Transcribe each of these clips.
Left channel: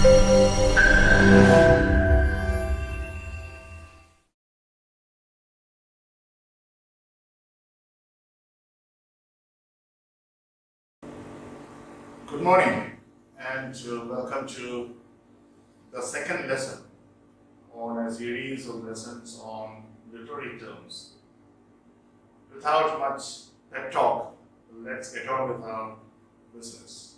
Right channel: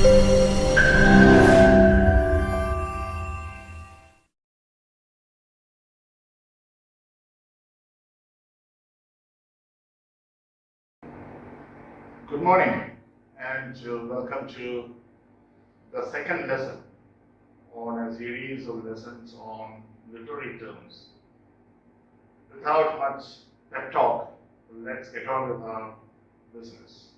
Good morning and welcome to the second lesson on a series of lessons on literary terms. Without much pep talk, let's get on with our business.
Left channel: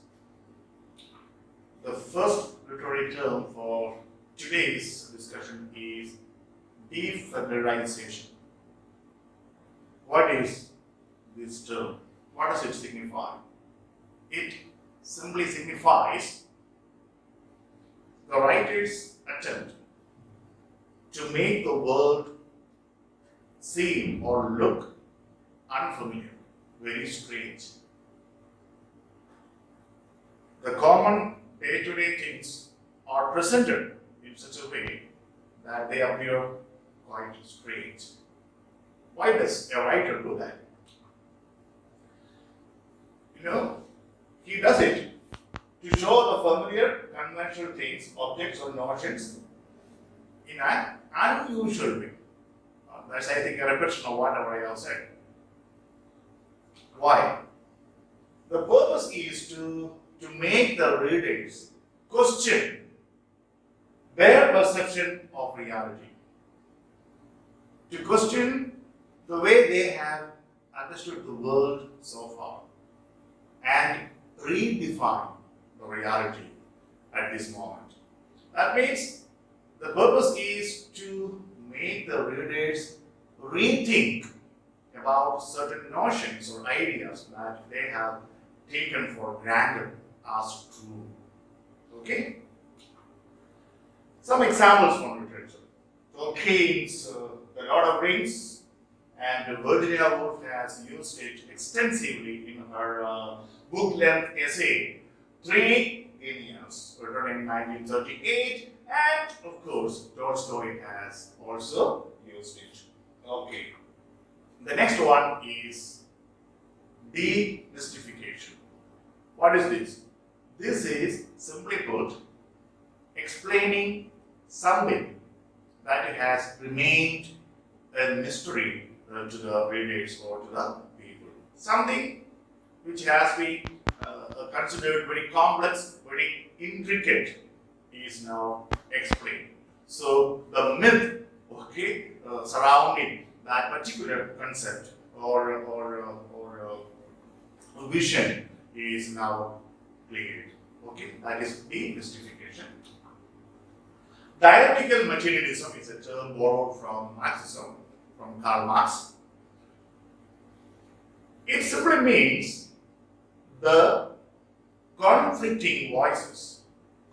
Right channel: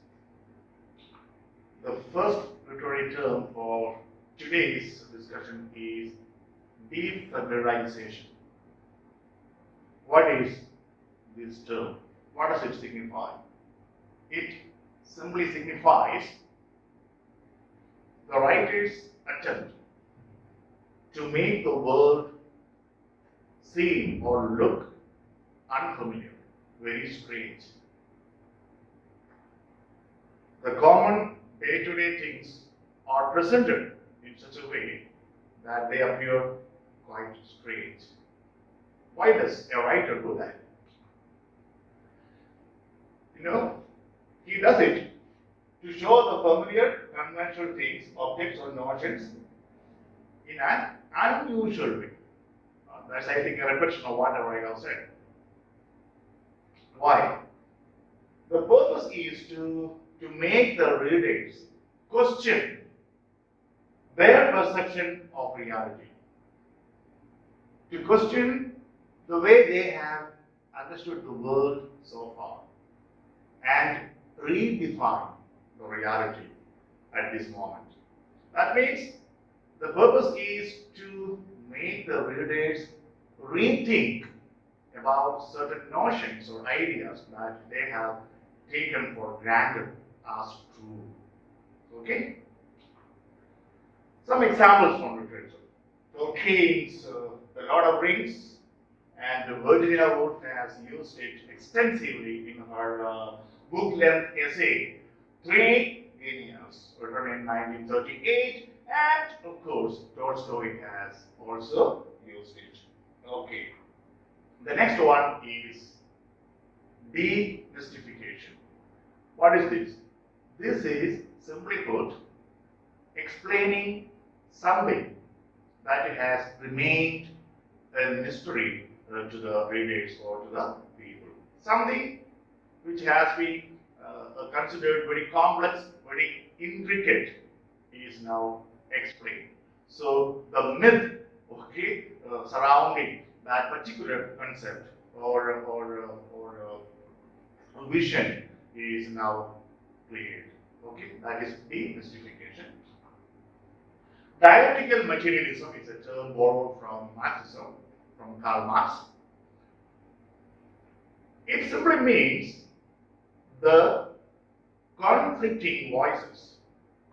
The first literary term for today's discussion is defamiliarization. What is this term? What does it signify? It simply signifies the writer's attempt to make the world seem or look unfamiliar, very strange. The common day-to-day things are presented in such a way that they appear quite strange. Why does a writer do that? He does it to show the familiar, conventional things, objects, or notions in an unusual way. That's, I think, a repetition of whatever I have said. Why? The purpose is to make the readers question their perception of reality, to question the way they have understood the world so far, and redefine the reality at this moment. That means the purpose is to make the readers rethink about certain notions or ideas that they have taken for granted as true. Okay? Some examples from literature. Tolkien's The Lord of Rings, and Virginia Woolf has used it extensively in her book-length essay, Three Genius, written in 1938, and of course, Tolstoy has also used it. Okay. The next one is demystification. What is this? This is, simply put, explaining something that has remained a mystery to the readers or to the people. Something which has been considered very complex, very intricate, is now explained. So the myth, surrounding that particular concept or vision is now cleared. Okay, that is demystification. Dialectical materialism is a term borrowed from Marxism, from Karl Marx. It simply means the conflicting voices,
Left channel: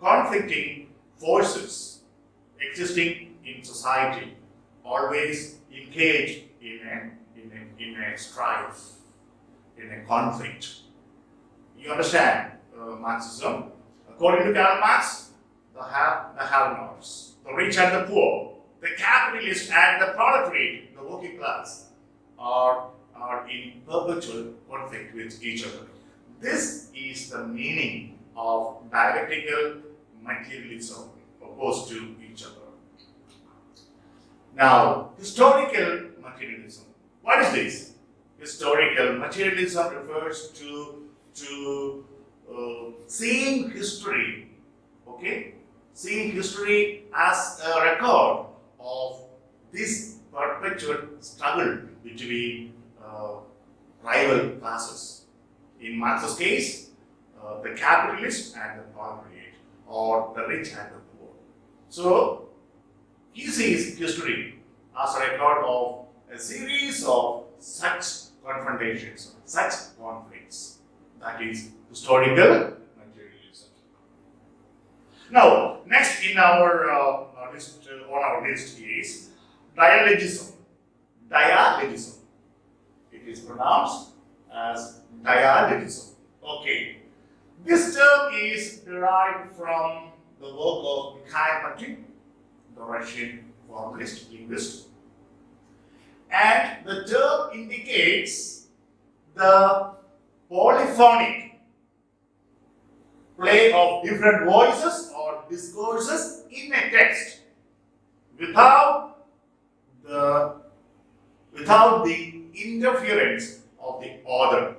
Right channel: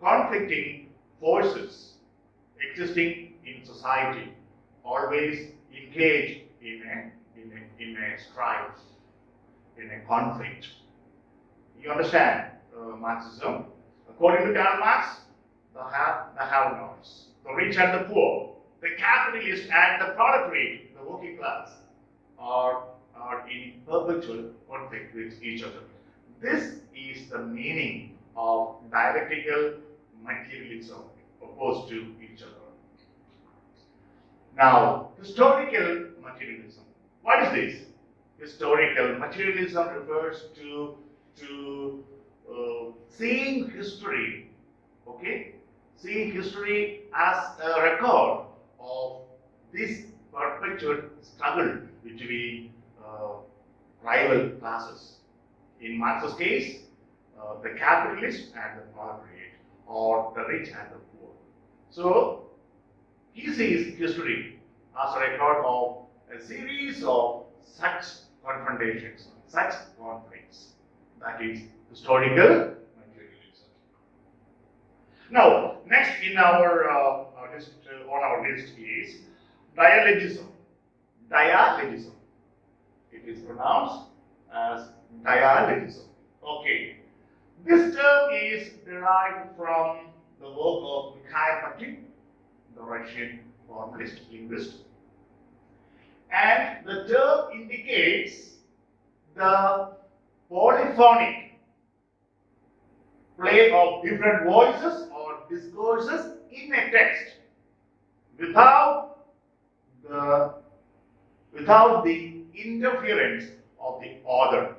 conflicting forces existing in society, always engaged in a strife, in a conflict. You understand Marxism? According to Karl Marx, the have-nots, the rich and the poor, the capitalist and the proletariat, the working class, are in perpetual conflict with each other. This is the meaning of dialectical materialism opposed to each other. Now, historical materialism. What is this? Historical materialism refers to seeing history, seeing history as a record of this perpetual struggle between rival classes. In Marx's case, the capitalist and the proletariat, or the rich and the poor. So, he sees history as a record of a series of such confrontations, such conflicts. That is historical materialism. Now, next in our list, on our list is dialogism. Dialogism. It is pronounced as dialogism. Okay. This term is derived from the work of Mikhail Bakhtin, the Russian formalist linguist. And the term indicates the polyphonic play of different voices or discourses in a text without the without the interference of the author.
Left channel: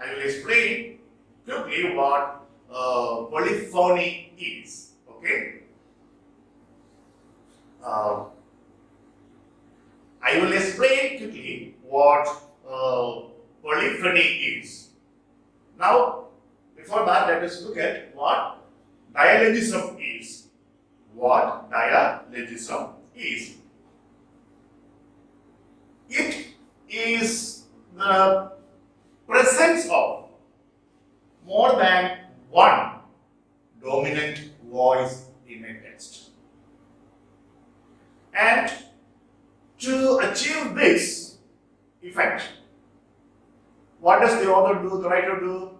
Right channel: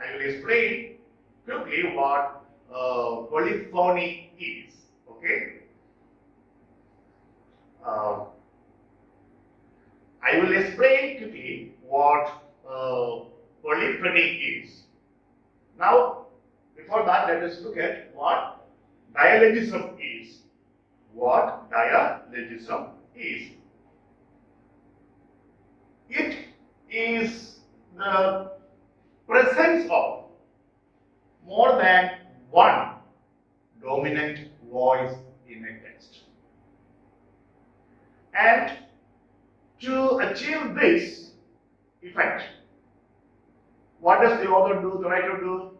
I will explain quickly what polyphony is. Okay. I will explain quickly what polyphony is. Now, before that, let us look at what dialogism is. What dialogism is. It is the presence of more than one dominant voice in a text. And to achieve this effect, what does the author do, the writer do?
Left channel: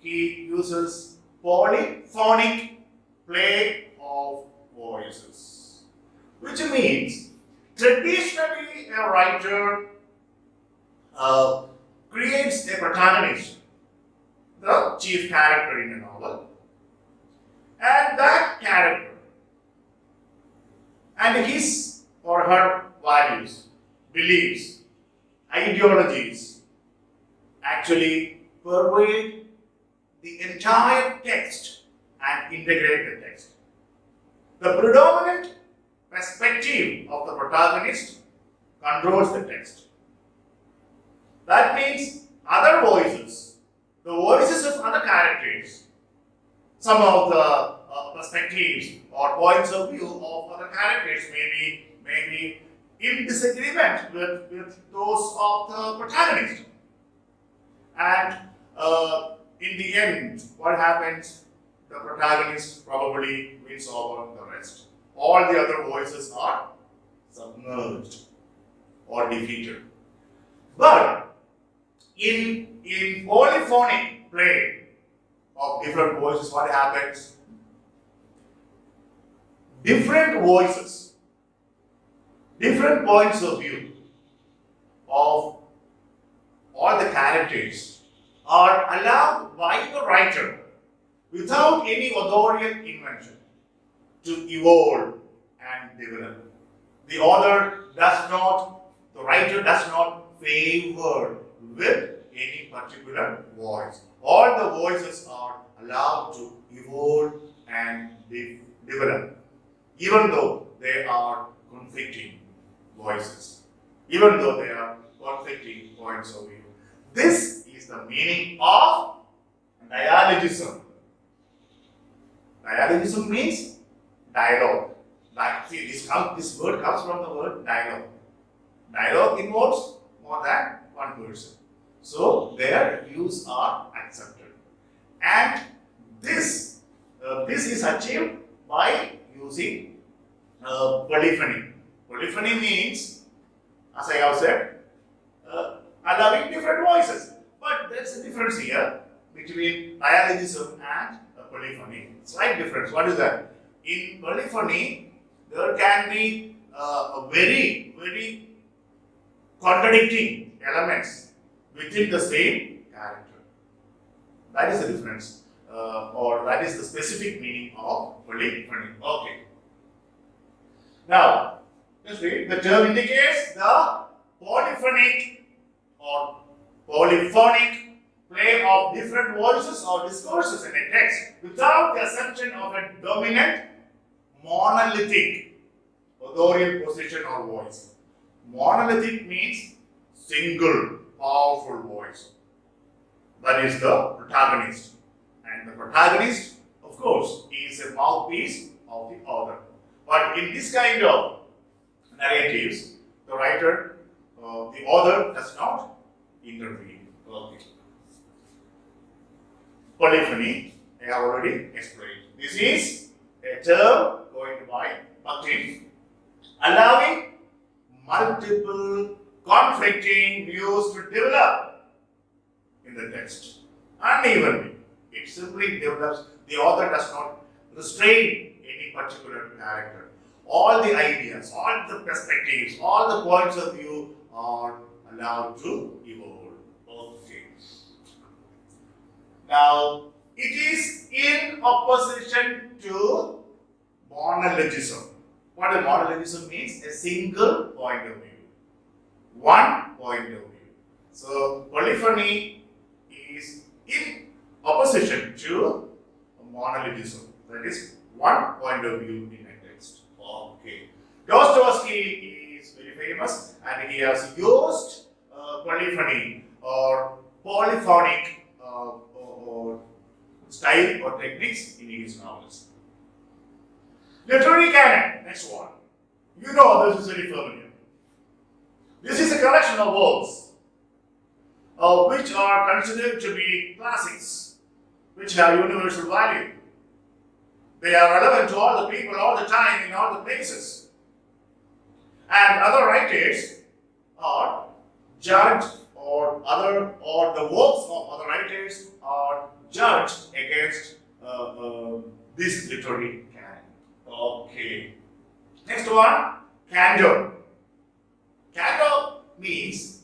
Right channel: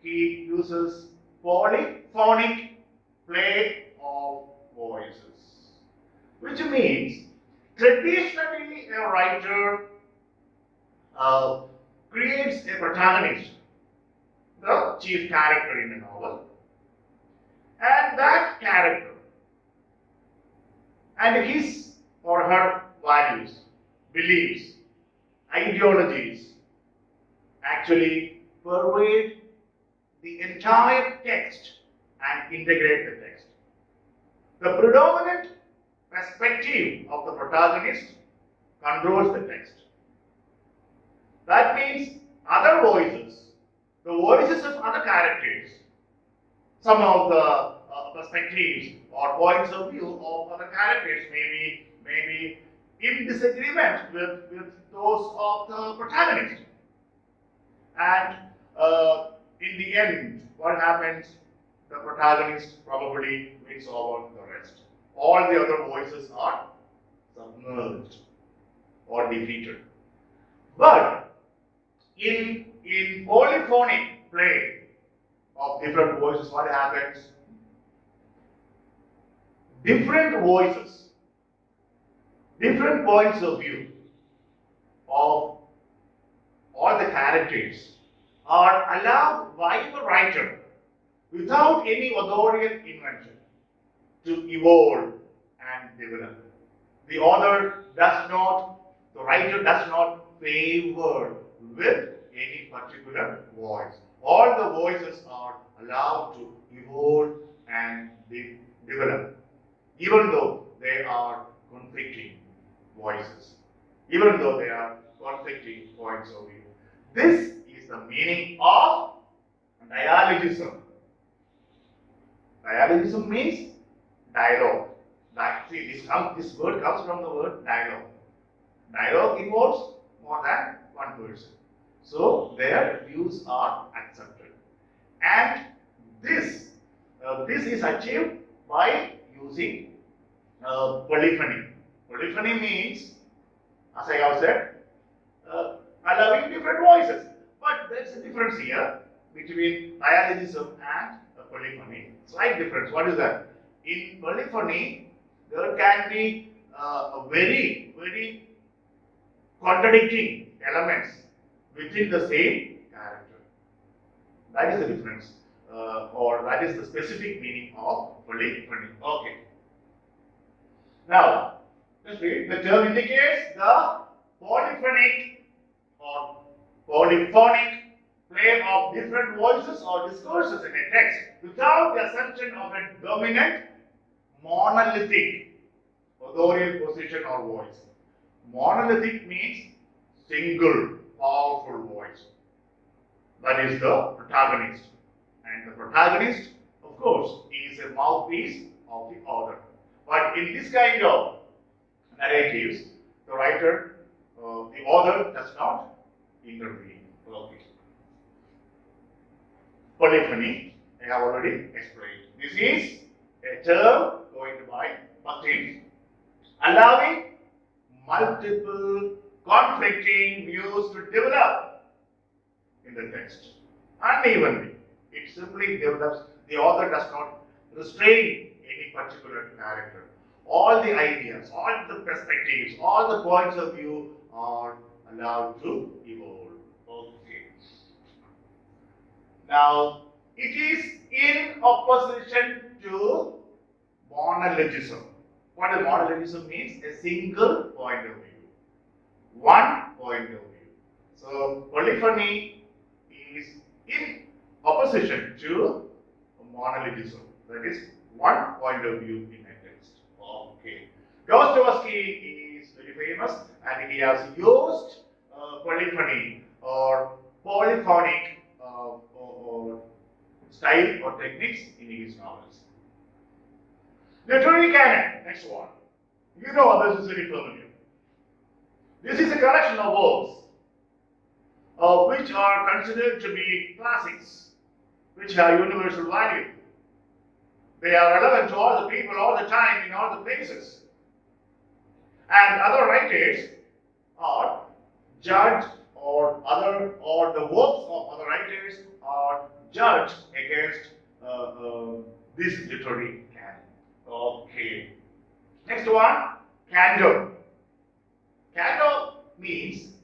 He uses polyphonic play of voices, which means traditionally a writer creates a protagonist, the chief character in a novel, and that character and his or her values, beliefs, ideologies actually pervade the entire text and integrate the text. The predominant perspective of the protagonist controls the text. That means other voices, the voices of other characters, some of the perspectives or points of view of other characters may be in disagreement with those of the protagonist. And in the end, what happens? The protagonist probably wins over the rest. All the other voices are submerged or defeated. But in polyphonic play of different voices, what happens? Different voices, different points of view of all the characters are allowed by the writer without any authorial invention to evolve and develop. The writer does not favor with any particular voice. All the voices are allowed to evolve and develop, even though they are conflicting voices, even though they are conflicting points of view. This is the meaning of dialogism. Dialogism means dialogue. See, this word comes from the word dialogue. Dialogue involves more than one person. So their views are accepted. And this is achieved by using polyphony. Polyphony means, as I have said, allowing different voices. But there's a difference here between dialogism and polyphony. Slight difference. What is that? In polyphony, there can be very, very contradicting elements within the same character. That is the difference, or that is the specific meaning of polyphony. Okay. Now, let's read. The term indicates the polyphonic or polyphonic play of different voices or discourses in a text without the assumption of a dominant monolithic authorial position or voice. Monolithic means single powerful voice. That is the protagonist. And the protagonist, of course, is a mouthpiece of the author. But in this kind of narratives, the writer, the author does not intervene. Okay. Polyphony, I have already explained. This is a term coined by Bakhtin, allowing multiple conflicting views to develop in the text unevenly. It simply develops. The author does not restrain any particular character. All the ideas, all the perspectives, all the points of view are allowed to evolve. Okay. Now, It is in opposition to monologism. What does monologism means? A single point of view. One point of view. So polyphony is in opposition to monologism. That is one point of view in a text. Okay. Dostoevsky is very famous and he has used polyphony or polyphonic or style or techniques in his novels. Literary canon, next one. You know this is very familiar. This is a collection of works which are considered to be classics, which have universal value. They are relevant to all the people, all the time, in all the places. And other writers are judged or the works of other writers are judged against this literary canon. Okay. Next one, candor. Candor means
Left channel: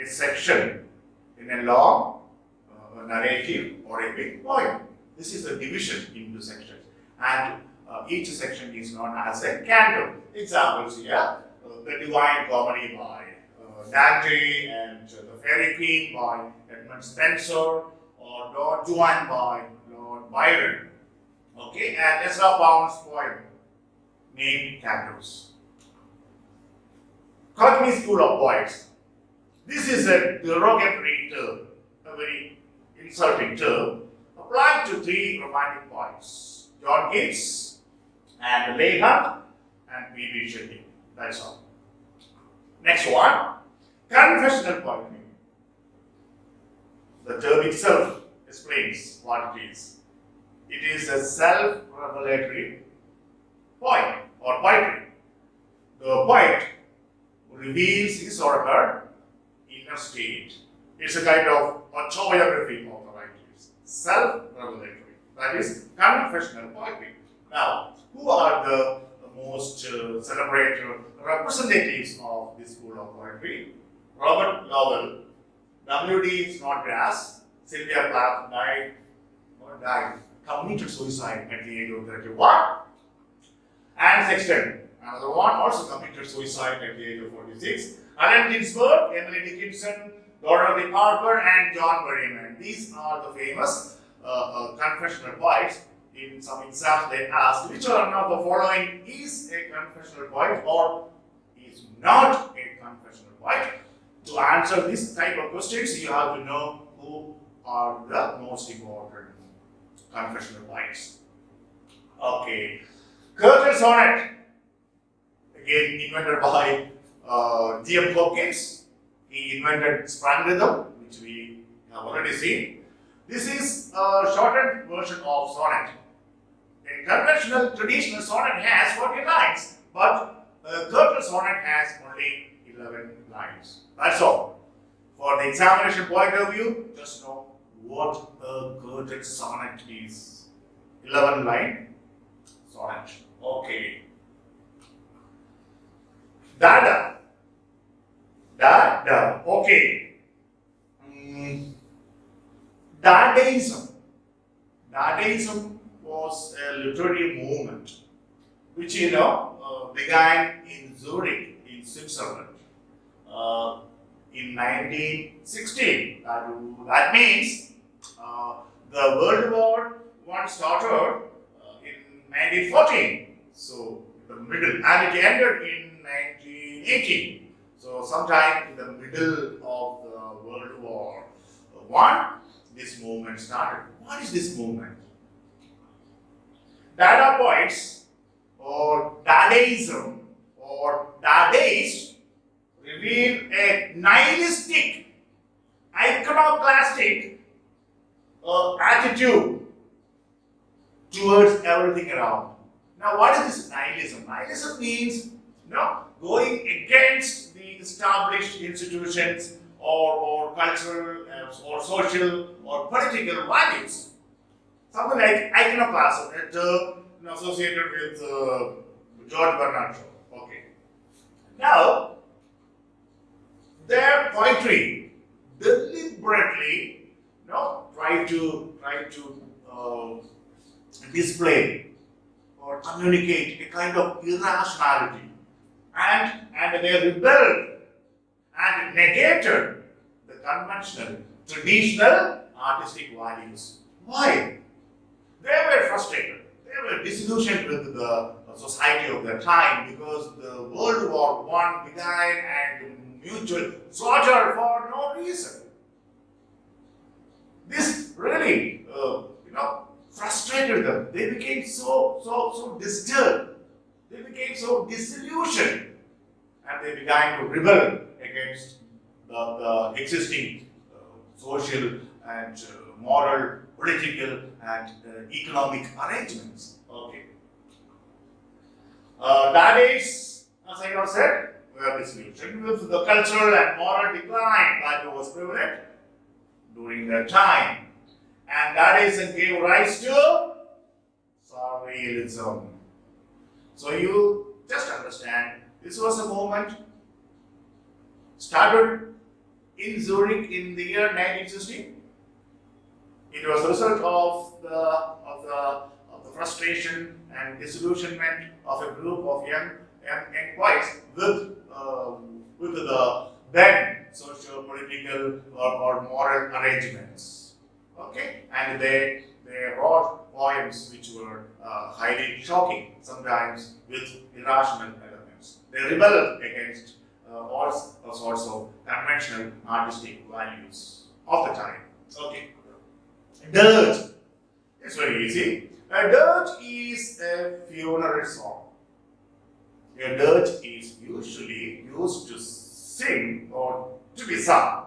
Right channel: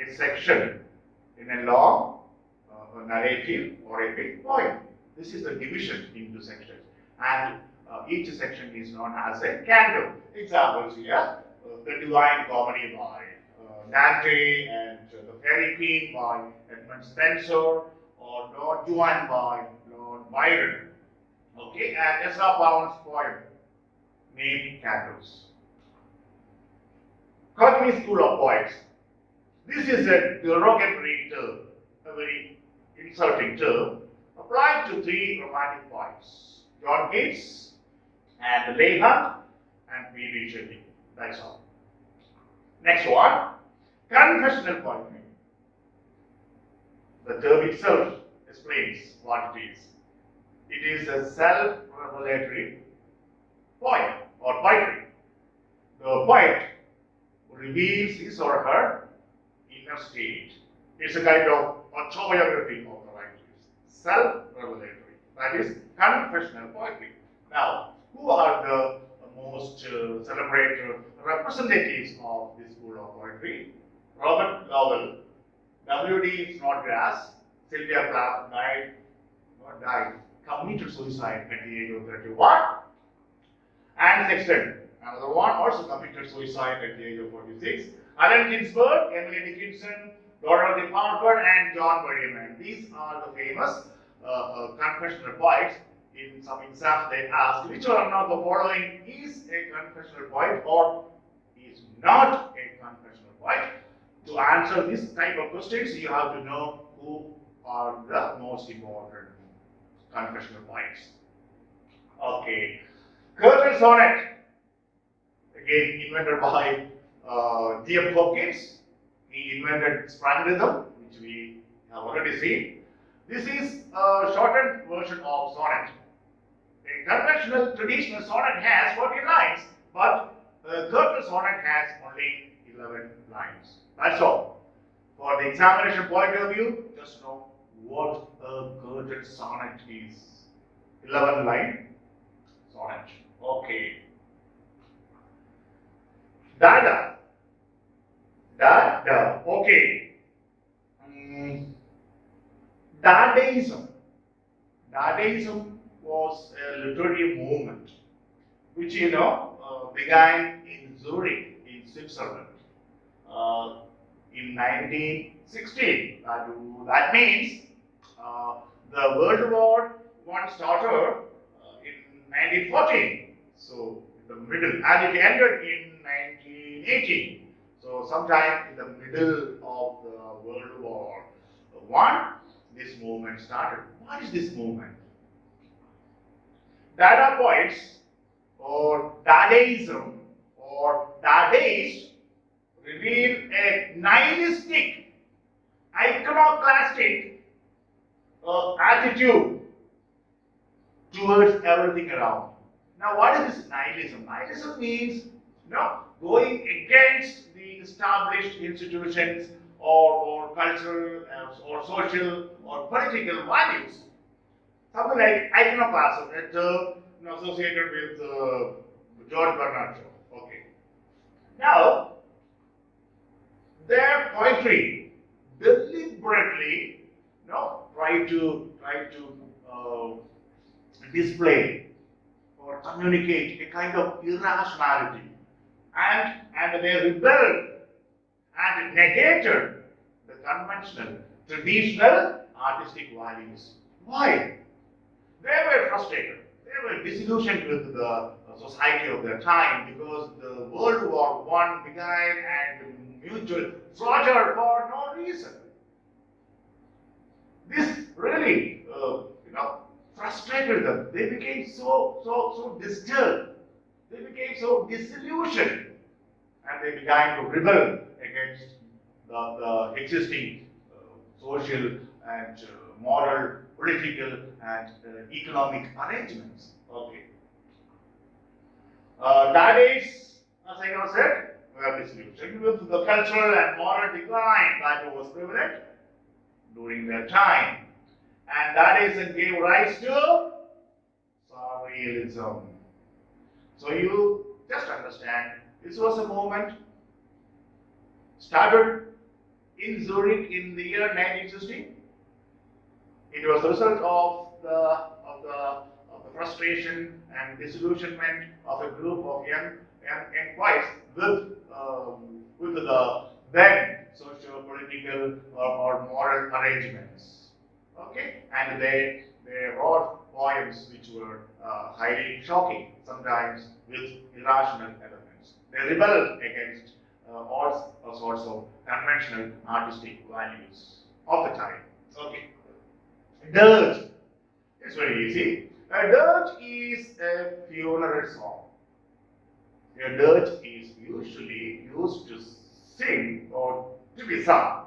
a section in a long narrative or a big poem. This is the division into sections, and each section is known as a candor. Examples here: the Divine Comedy by Dante, and the Fairy Queen by Edmund Spenser, or Don Juan by Lord Byron. Okay, and Ezra Pound's poem named Candors. Cockney School of Poets. This is a derogatory term, a very insulting term, applied to three romantic poets: John Keats, and Leigh Hunt, and P.B. Shelley. That's all. Next one, confessional poetry. The term itself explains what it is. It is a self-revelatory poem or poetry. The poet reveals his or her inner state. It's a kind of autobiography of the writers. Self-revelatory. That is confessional poetry. Now, who are the most celebrated representatives of this school of poetry? Robert Lowell, W.D. Snodgrass, Sylvia Plath committed suicide at the age of 31. Anne Sexton, another one, also committed suicide at the age of 46. Allen Ginsberg, Emily Dickinson, Dorothy Parker, and John Berryman. These are the famous confessional poets. In some exams, they ask which one of the following is a confessional poet or is not a confessional poet. To answer this type of questions, you have to know who are the most important confessional poets. Okay. Curtain sonnet, again invented by G.M. Hopkins. He invented sprung rhythm, which we have already seen. This is a shortened version of sonnet. A conventional traditional sonnet has 40 lines, but a curtain sonnet has only 11 lines. That's all. For the examination point of view, just know what a curtain sonnet is. 11 line sonnet. Okay. Dada. Okay. Dadaism. Dadaism was a literary movement which began in Zurich in Switzerland in 1916. That means the World War I started in 1914. So the middle, and it ended in 1918. So sometime in the middle of the World War I, this movement started. What is this movement? Dada poets or Dadaism or Dadaist reveal a nihilistic, iconoclastic attitude towards everything around. Now, what is this nihilism? Nihilism means going against the established institutions or cultural or social or political values. Something like iconoclasm, a term associated with George Bernard Shaw. Okay. Now, their poetry deliberately try to display or communicate a kind of irrationality, and they rebelled and negated the conventional, traditional artistic values. Why? They were frustrated. They were disillusioned with the society of their time because the World War I began and mutual slaughter for no reason. This really, frustrated them. They became so disturbed. They became so disillusioned, and they began to rebel against the existing social and moral, political, and economic arrangements. Okay. That is, as I have said, we are disillusioned with the cultural and moral decline that was prevalent during their time. And that is gave rise to surrealism. So you just understand, this was a movement started in Zurich in the year 1960. It was a result of the frustration and disillusionment of a group of young poets with the then socio-political or moral arrangements. Okay, and they wrote poems which were highly shocking, sometimes with irrational elements. They rebelled against all sorts of conventional artistic values of the time. Okay. Dirge. It's very easy. A dirge is a funeral song. A dirge is usually used to sing or to be sung.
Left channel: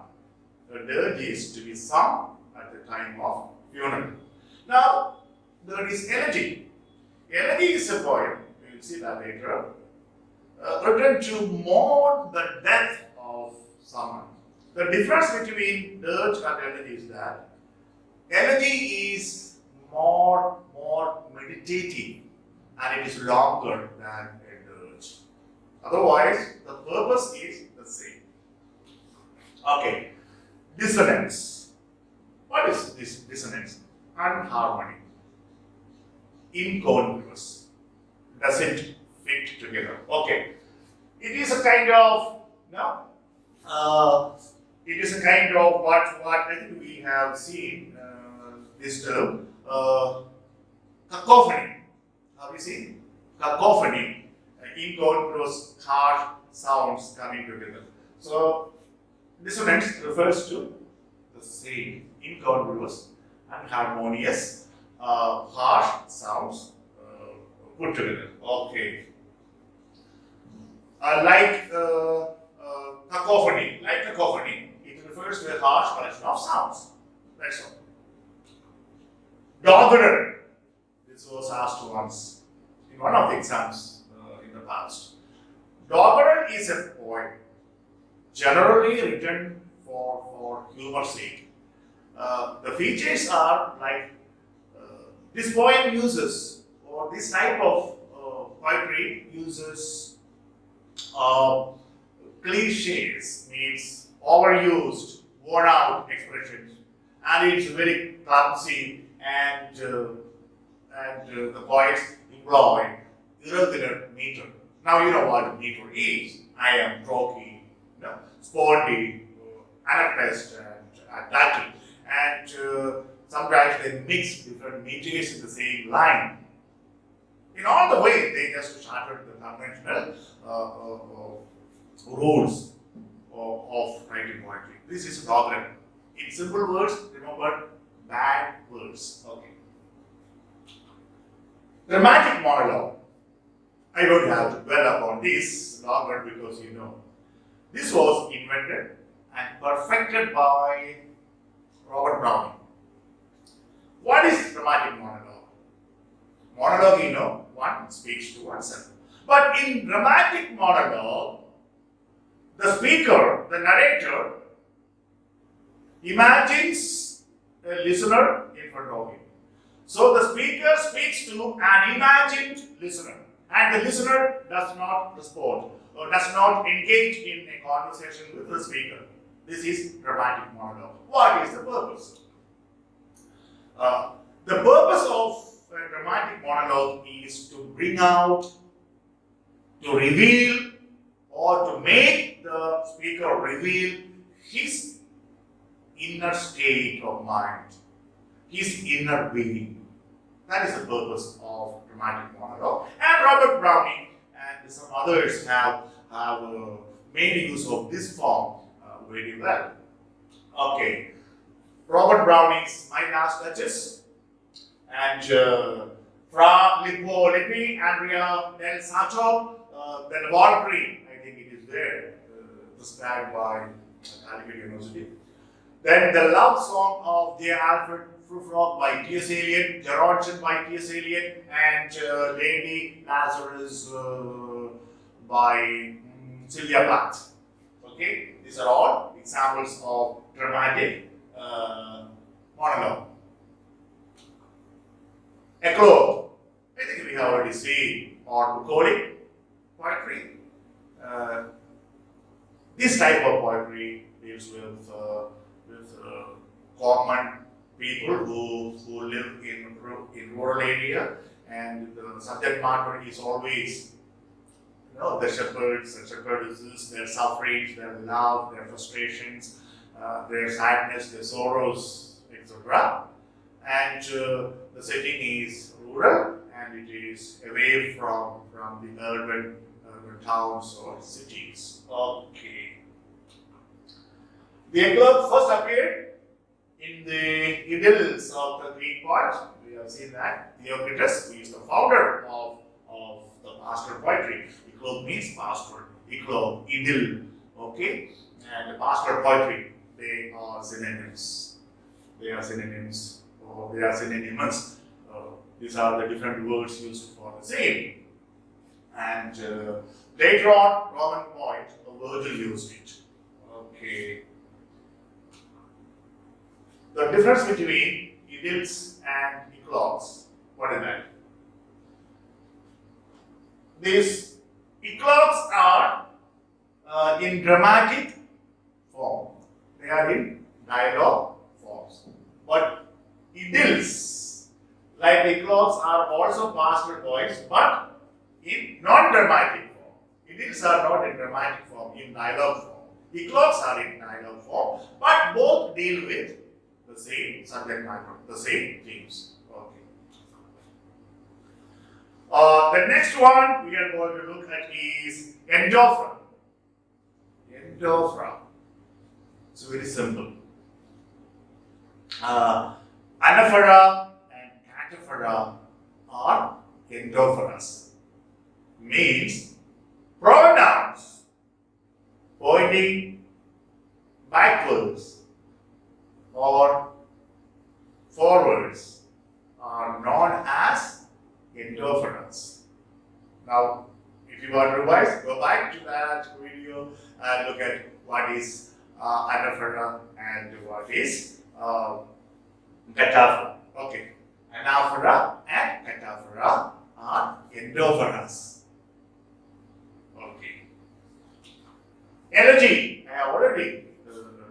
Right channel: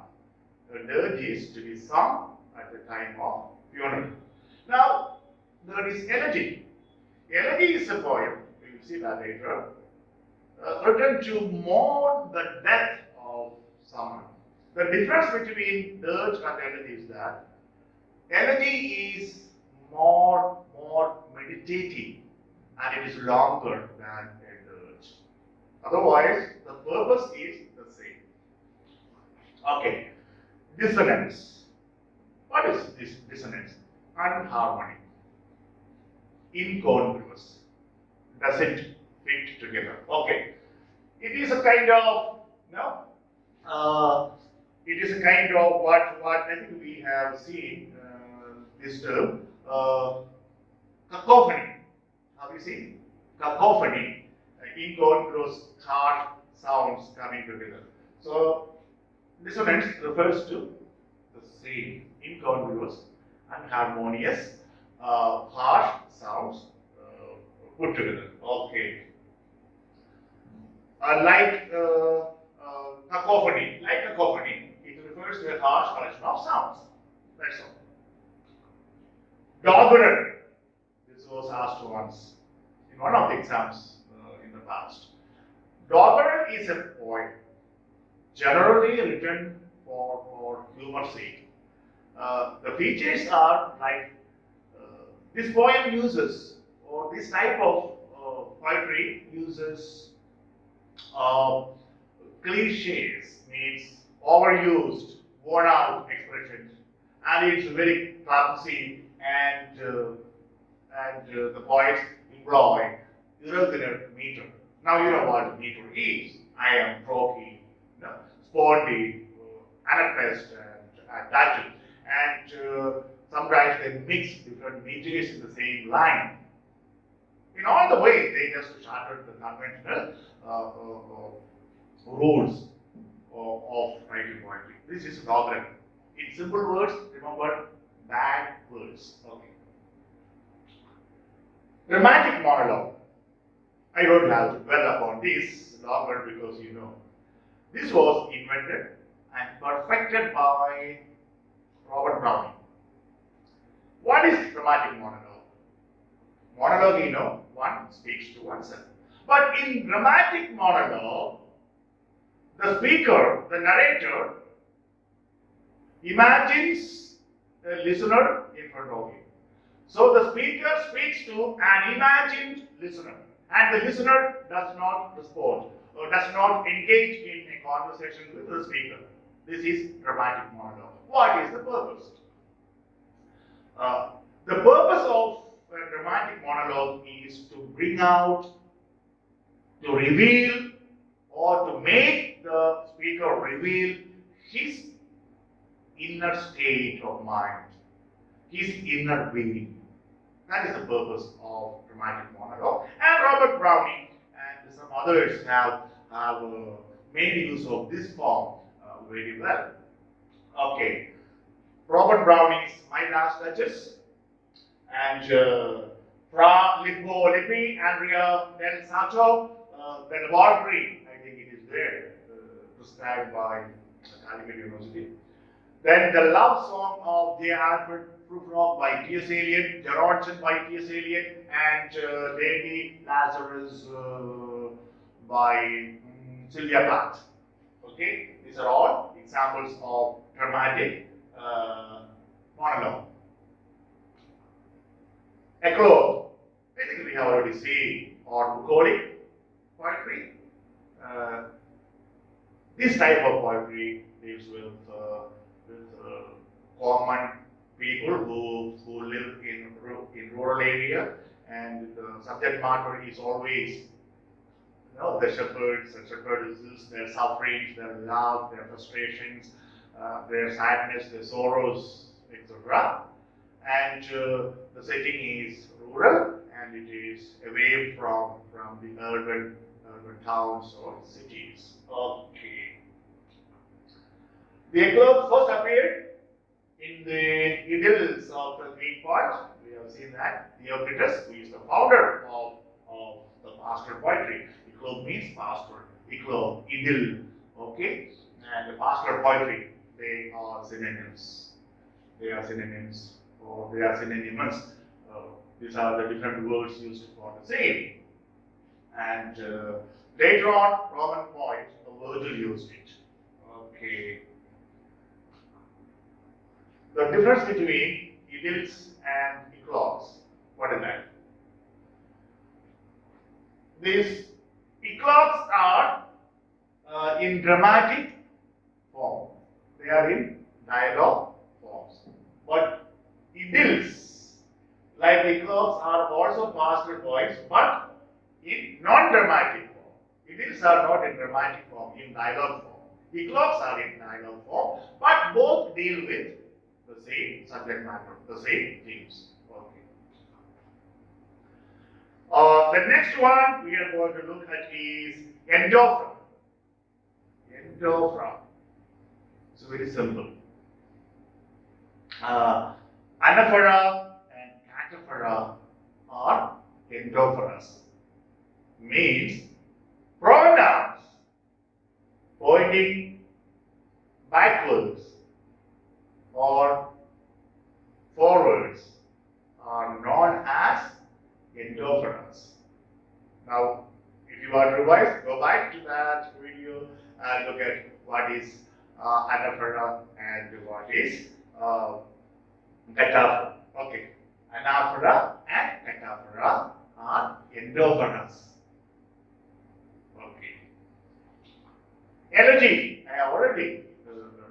A dirge is to be sung at the time of funeral. Now, there is elegy. Elegy is a poem, we will see that later, written to mourn the death of someone. The difference between dirge and elegy is that elegy is more meditative and it is longer than a dirge. Otherwise, the purpose is the same. Okay, dissonance. What is this dissonance? Unharmony. Incongruous. Doesn't fit together. Okay. It is a kind of, it is a kind of what I think we have seen this term, cacophony. Have you seen? Cacophony. Incongruous, harsh sounds coming together. So, dissonance refers to the same, incongruous, unharmonious, harsh sounds put together. Okay. Cacophony, it refers to a harsh collection of sounds. That's all. Doggerel. This was asked once in one of the exams in the past. Doggerel is a poem generally written for humor's sake. The features are like this poem uses, or this type of poetry uses cliches, means overused, worn out expressions, and it's very clumsy, and the poets employ irregular meter. Now you know what meter is. I am croaky, sporty, anapest, and Latin, and sometimes they mix different meters in the same line. In all the way, they just shattered the conventional rules of writing poetry. This is doggerel. In simple words, remember, bad words. Okay. Dramatic monologue. I don't have to dwell upon this longer because this was invented and perfected by Robert Browning. What is dramatic monologue? Monologue, one speaks to oneself. But in dramatic monologue, the speaker, the narrator, imagines a listener in front of him. So the speaker speaks to an imagined listener, and the listener does not respond or does not engage in a conversation with the speaker. This is dramatic monologue. What is the purpose? The purpose monologue is to bring out, to reveal, or to make the speaker reveal his inner state of mind, his inner being. That is the purpose of dramatic monologue. And Robert Browning and some others have made use of this form very well. Okay, Robert Browning's My Last Duchess and Fra Lippo Lippi, Andrea del Sacco, the laboratory, I think it is there, prescribed by Calicut University. Then the love song of Dear Alfred Prufrock by T.S. Eliot, Gerontion by T.S. Eliot, and Lady Lazarus by Sylvia Plath. Okay, these are all examples of dramatic monologue. Eclogue, I think we have already seen, or bucolic poetry. This type of poetry deals with common people who live in rural area, and the subject matter is always the shepherds and shepherdesses, their sufferings, their love, their frustrations, their sadness, their sorrows, etc. And the setting is rural, and it is away from the urban towns or cities. Okay. The eclogue first appeared in the idylls of the Greek poet. We have seen that. Theocritus, who is the founder of the pastoral poetry. Eclogue means pastoral. Eclogue, idyll. Okay? And the pastoral poetry, they are synonyms. They are synonyms, or they are synonymous. These are the different words used for the same. And later on, Roman poet Virgil used it. Okay. The difference between idylls and eclogues, what is that? These eclogues are in dramatic form. They are in dialogue forms. But idylls, like eclogues, are also pastoral poems, but in non-dramatic form. Idylls are not in dramatic form, in dialogue form. Eclogues are in dialogue form, but both deal with the same subject matter, the same themes. Okay. The next one we are going to look at is endophra. Endophra. It's very simple. Anaphora and cataphora are endophoras. Means pronouns pointing backwards or forwards are known as endophoras. Now, if you want to revise, go back to that video and look at what is anaphora and what is cataphora. Okay, anaphora and cataphora are endophoras. Okay. Elegy, I have already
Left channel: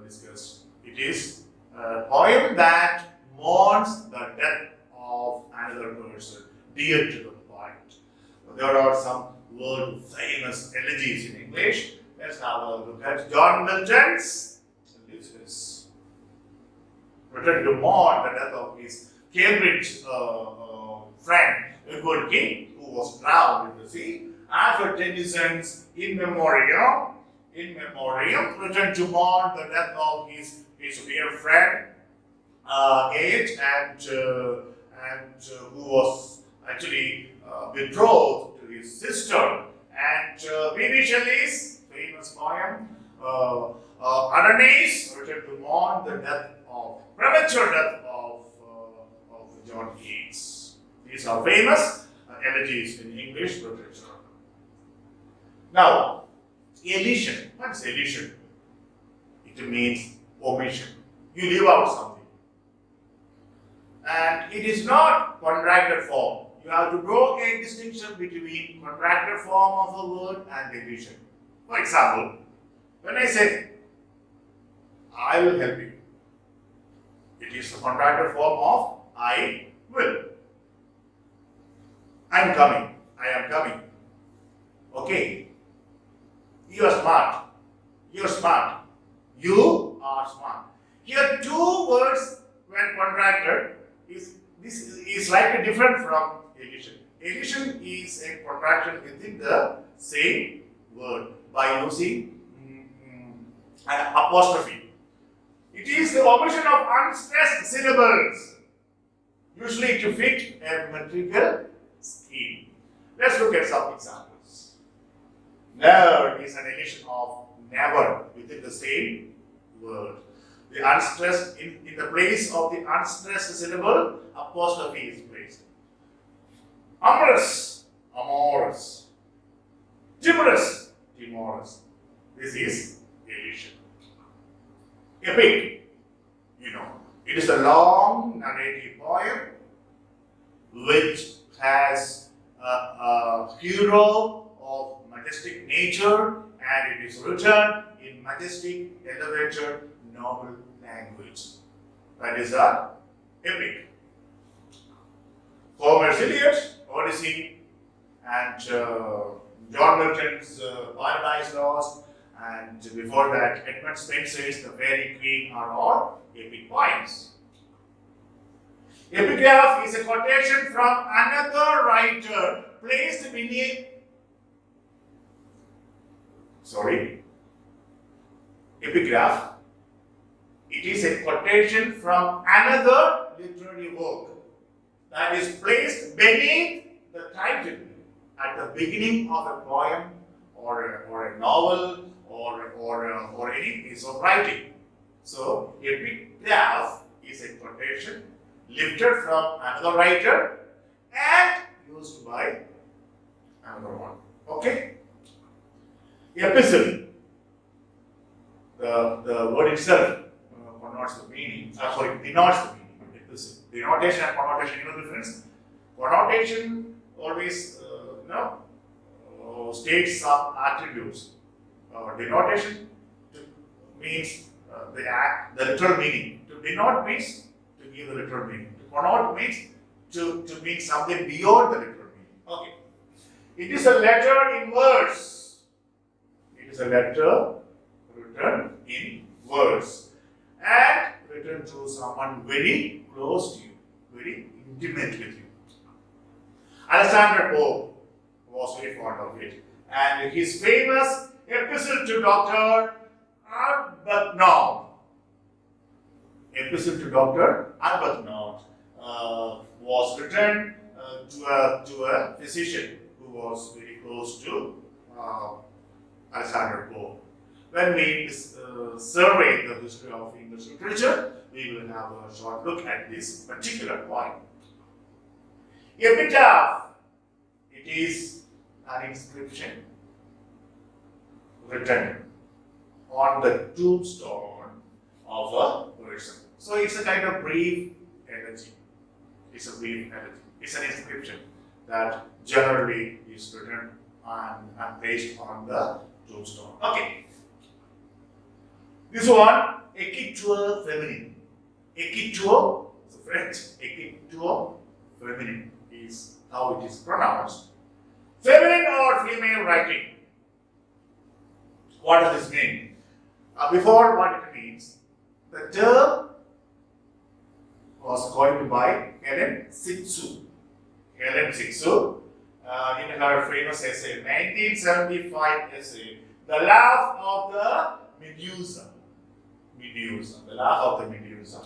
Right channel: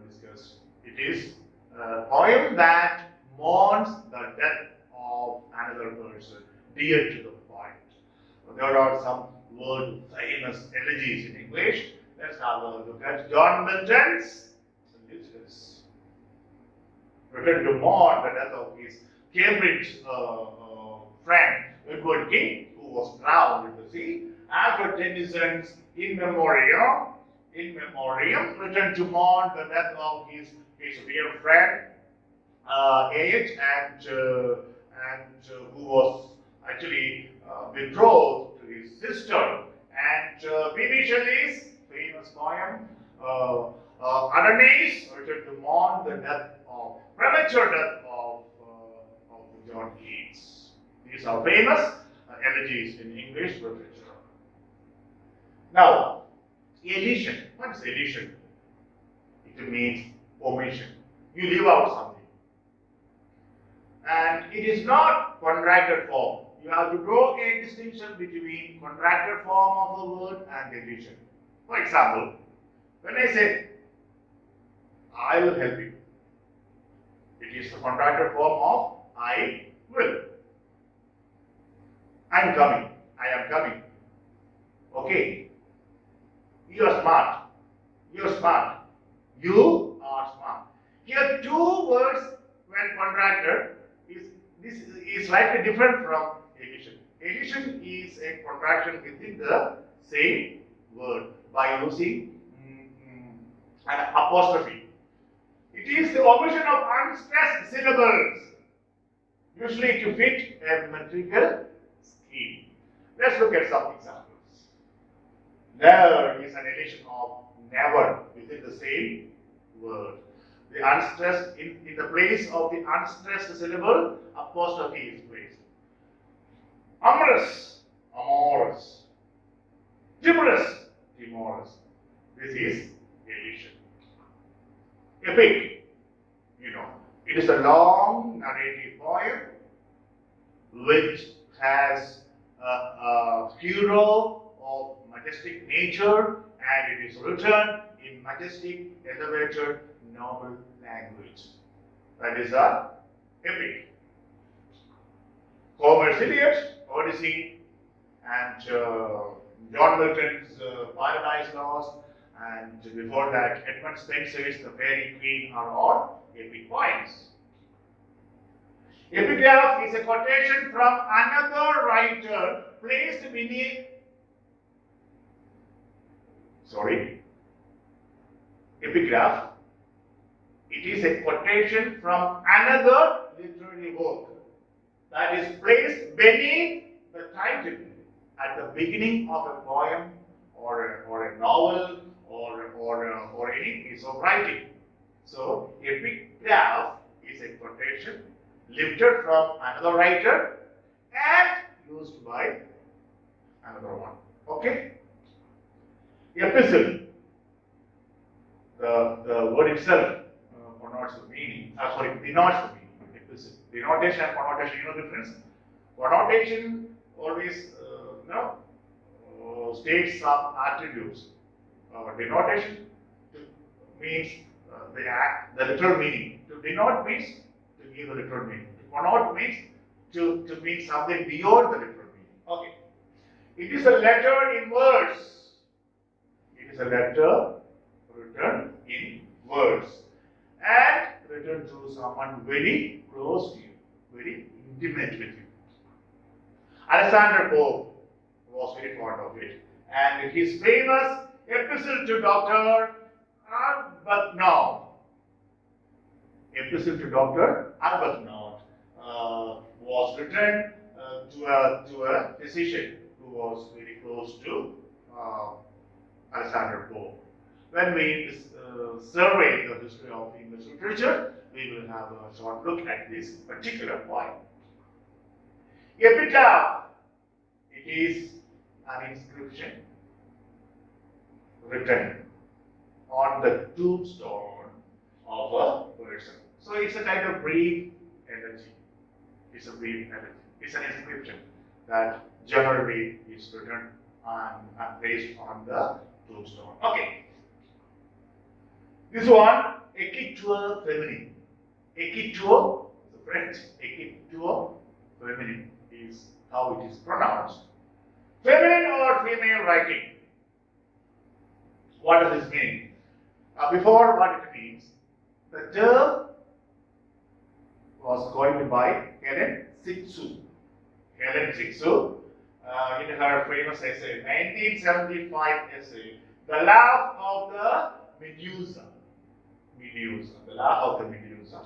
discussed. It is a poem that mourns the death of another person dear to the poet. There are some world famous elegies in English. Let's have a look at John Milton's Ulysses. Written to mourn the death of his Cambridge friend Edward King, who was drowned in the sea. Alfred Tennyson's In Memoriam, written to mourn the death of his dear friend Age, and who was actually betrothed to his sister. And B.B. Shelley's famous poem Adonais, written to mourn the premature death of John Keats. These are famous elegies in English literature. Now, elision. What is elision? It means omission. You leave out something. And it is not contracted form. You have to draw a distinction between contracted form of a word and elision. For example, when I say, I will help you, it is the contracted form of I will. I'm coming. I am coming. Okay. You are smart. You are smart. You are smart. Here, two words when contracted is this is slightly different from addition. Addition is a contraction within the same word by using an apostrophe. It is the omission of unstressed syllables, usually to fit a metrical scheme. Let's look at some examples. Never is an addition of never within the same word. The unstressed, in the place of the unstressed syllable, apostrophe is placed. Amorous, amorous. Timorous, timorous. This is addition. Epic, it is a long narrative poem which has a hero of majestic nature, and it is written in majestic, elevated, noble language. That is a epic. Homer's Iliad, Odyssey, and John Milton's Paradise Lost, and before that, Edmund Spenser's The Fairy Queen are all epic poems. Epigraph is a quotation from another writer placed beneath. Epigraph. It is a quotation from another literary work that is placed beneath the title at the beginning of a poem or a novel or any piece of writing. So, epigraph is a quotation lifted from another writer and used by another one. Okay? Epistle. The word itself denotes the meaning. Denotes the meaning. Epistle. Denotation and connotation, you know the difference? Connotation always states some attributes. Denotation means the literal meaning. To denote means to give the literal meaning. To connote means to mean something beyond the literal meaning. Okay. It is a letter in verse. It is a letter written in verse and written to someone very close to you, very intimate with you. Alexander Pope was very fond of it, and his famous epistle to Dr. Arbuthnot. Epistle to Dr. Arbuthnot was written to a physician who was very close to Alexander Pope. When we survey the history of English literature, we will have a short look at this particular point. Epitaph. It is an inscription written on the tombstone of a person. So it's a kind of brief elegy. It's a brief elegy. It's an inscription that generally is written and placed on the tombstone. Okay. This one, écriture féminine. Écriture is French. Écriture féminine is how it is pronounced. Feminine or female writing. What does this mean? Before what it means, the term was coined by Helen Sixou. Helen Sixou, in her famous essay, 1975 essay, The Laugh of the Medusa. The laugh of the Medusa.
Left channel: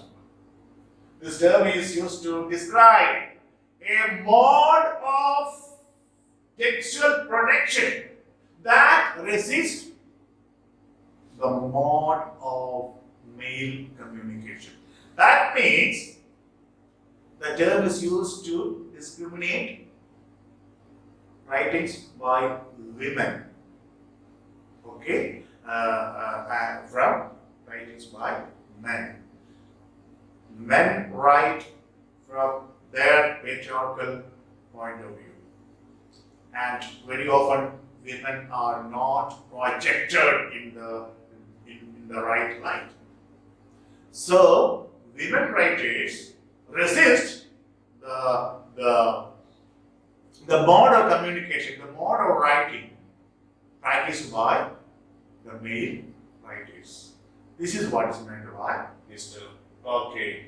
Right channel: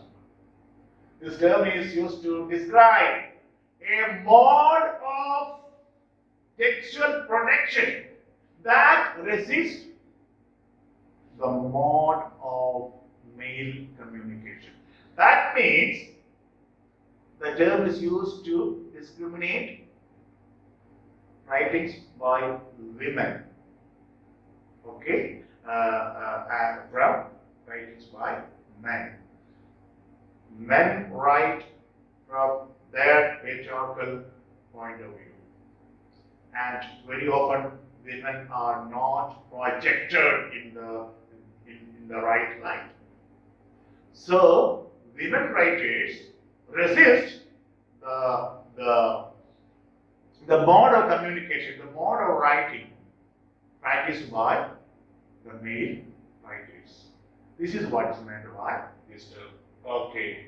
This term is used to describe a mode of textual protection that resists the mode of male communication. That means the term is used to discriminate writings by women, okay, from writings by men. Men write from their patriarchal point of view, and very often women are not projected in the right light. So women writers resist the the mode of communication, the mode of writing practiced by the male writers. This is what is meant by this term. Okay.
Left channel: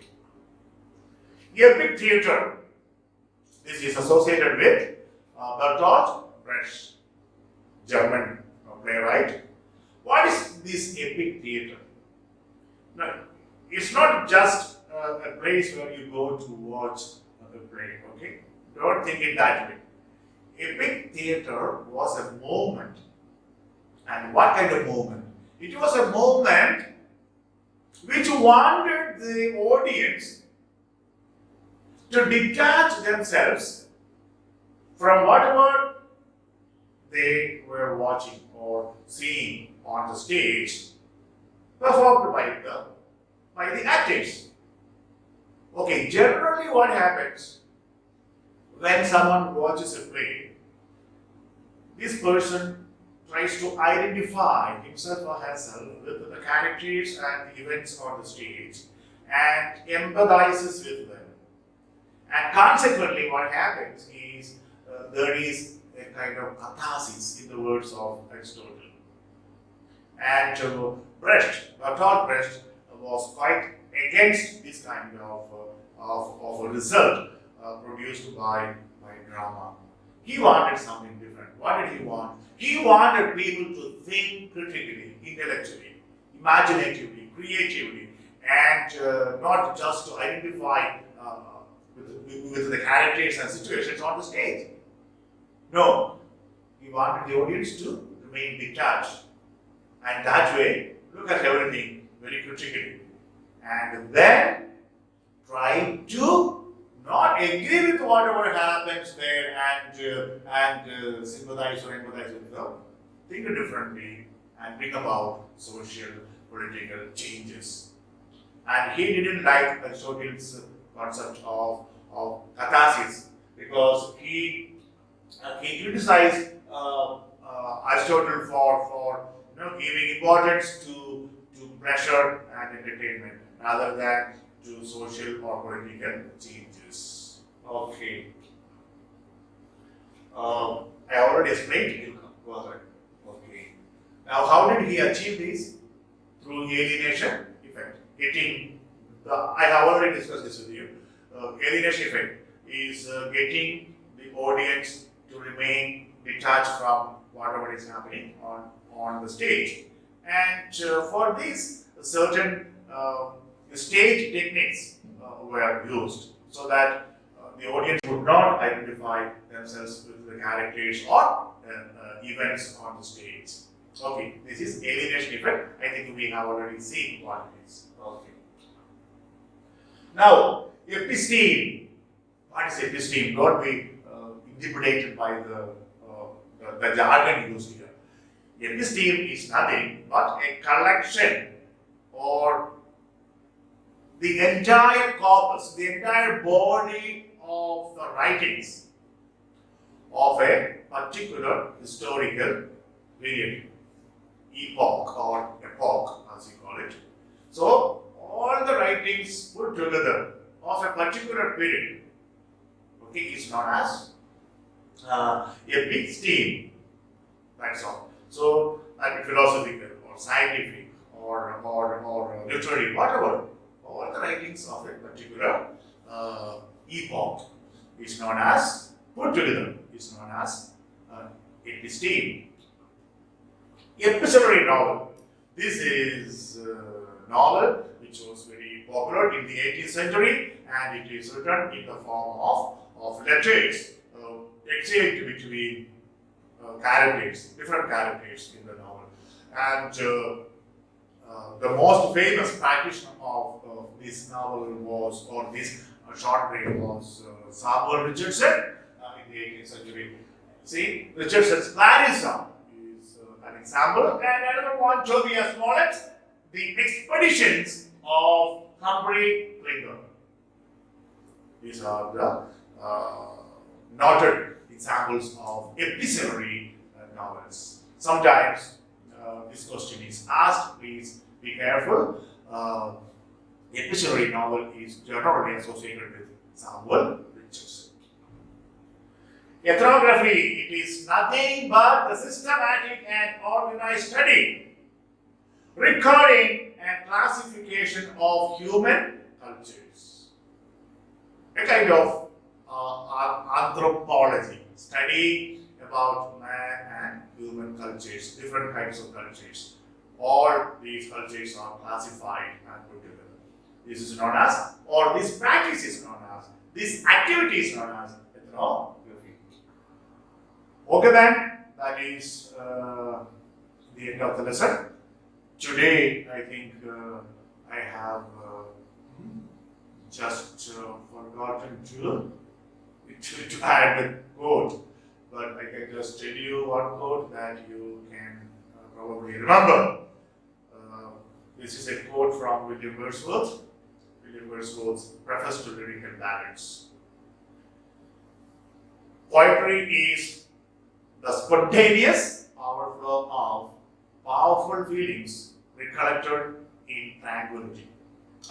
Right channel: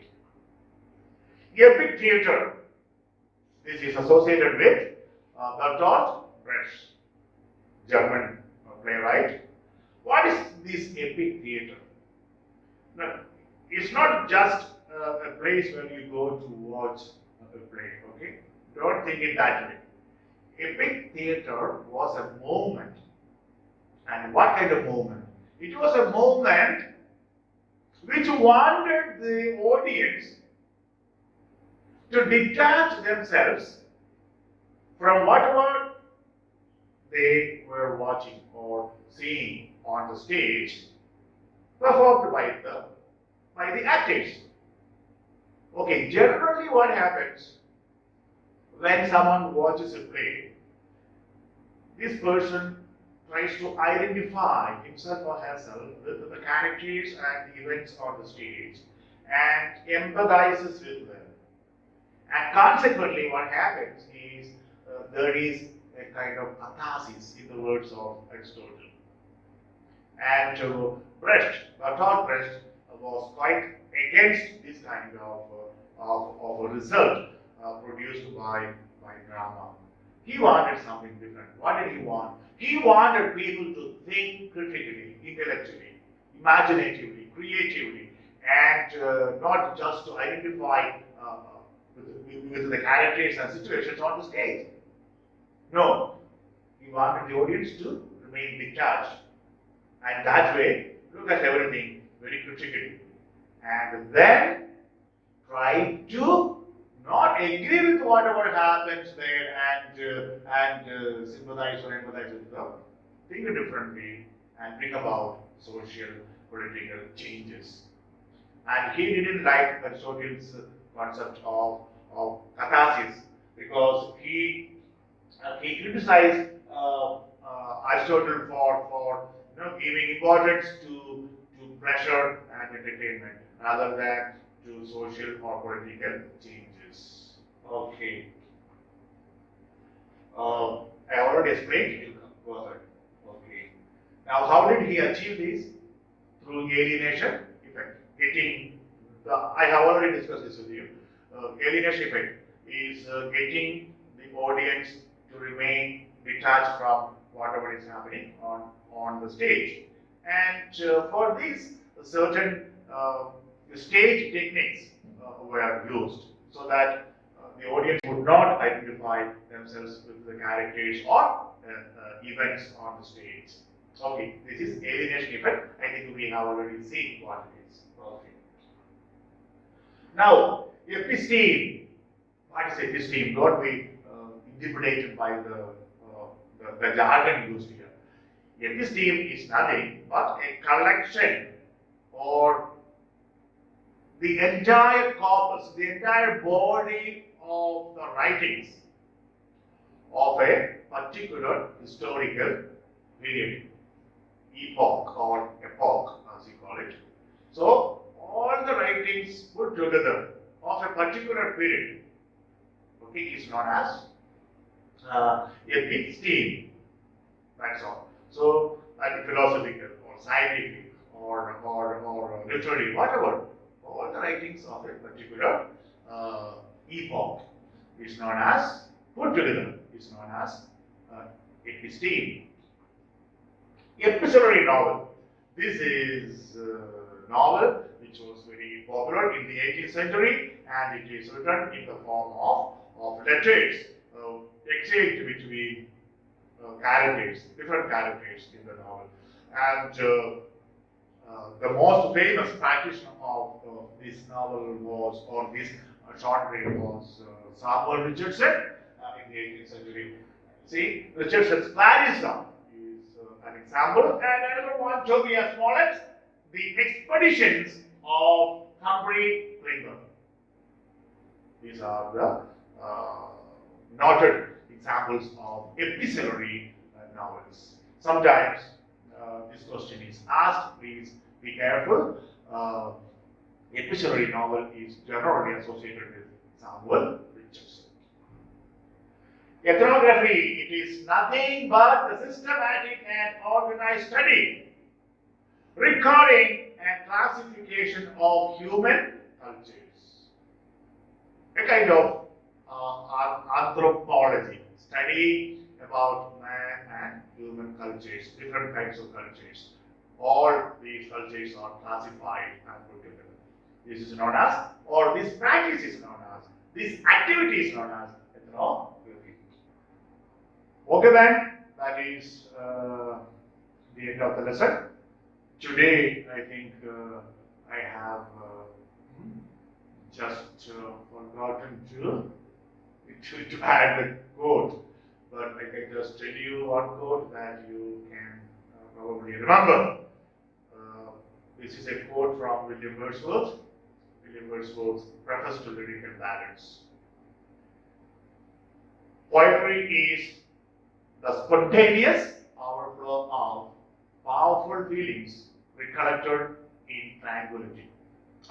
Epic theatre. This is associated with Bertolt Brecht, German playwright. What is this epic theatre? Now, it's not just a place where you go to watch a play, okay? Don't think it that way. Epic theatre was a moment. And what kind of moment? It was a moment which wanted the audience to detach themselves from whatever they were watching or seeing on the stage performed by the actors. Okay, generally what happens when someone watches a play, this person tries to identify himself or herself with the characters and the events on the stage and empathizes with them. And consequently, what happens is there is a kind of catharsis in the words of Aristotle. And Bertolt Brecht was quite against this kind of a result produced by drama. He wanted something different. What did he want? He wanted people to think critically, intellectually, imaginatively, creatively, and not just to identify with the characters and situations on the stage. No, he wanted the audience to remain detached, and that way look at everything very critically, and then try to not agree with whatever happens there and sympathize or empathize with them. Think differently and bring about social, political changes. And he didn't like Aristotle's concept of catharsis because he criticized Aristotle for giving importance to pleasure and entertainment rather than to social or political changes. Okay. I already explained. You go ahead. Okay. Now, how did he achieve this? Through alienation effect. I have already discussed this with you. Alienation effect is getting the audience to remain detached from whatever is happening on the stage. And for this, certain stage techniques were used so that the audience would not identify themselves with the characters or events on the stage. Okay, this is alienation effect. I think we have already seen what it is. Okay. Now, episteme. What is episteme? Don't be intimidated by the jargon used here. Episteme is nothing but a collection or the entire corpus, the entire body of the writings of a particular historical period, epoch or epoch as you call it. So, all the writings put together of a particular period, okay, is known as episteme. That's all. So, philosophical or scientific or literary, whatever, all the writings of a particular epoch is known as, put together, is known as episteme. Epistolary novel. This is a novel which was very popular in the 18th century and it is written in the form of letters exchanged between characters, different characters in the novel. And the most famous practitioner of this novel was, or this short play was Samuel Richardson in the 18th century. See, Richardson's Clarissa is an example, and another one, Tobias Smollett, the expeditions of Humphrey Clinton. These are the noted examples of epistolary novels. Sometimes this question is asked, please be careful. Epistolary novel is generally associated with Samuel Richardson. Ethnography, it is nothing but the systematic and organized study, recording and classification of human cultures. A kind of anthropology, study about man and human cultures, different kinds of cultures. All these cultures are classified and put together. This is known as, or this practice is known as, this activity is known as ethnography. Okay then, that is the end of the lesson. Today, I think I have just forgotten to add the quote, but I can just tell you one quote that you can probably remember. This is a quote from William Wordsworth. William Wordsworth's preface to Lyrical Ballads. Poetry is the spontaneous overflow of powerful feelings recollected in tranquility.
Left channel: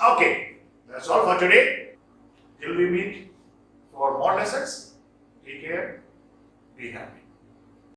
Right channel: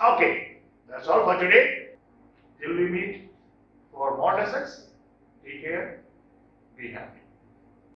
Okay, that's all for today. Till we meet for more lessons, take care, be happy.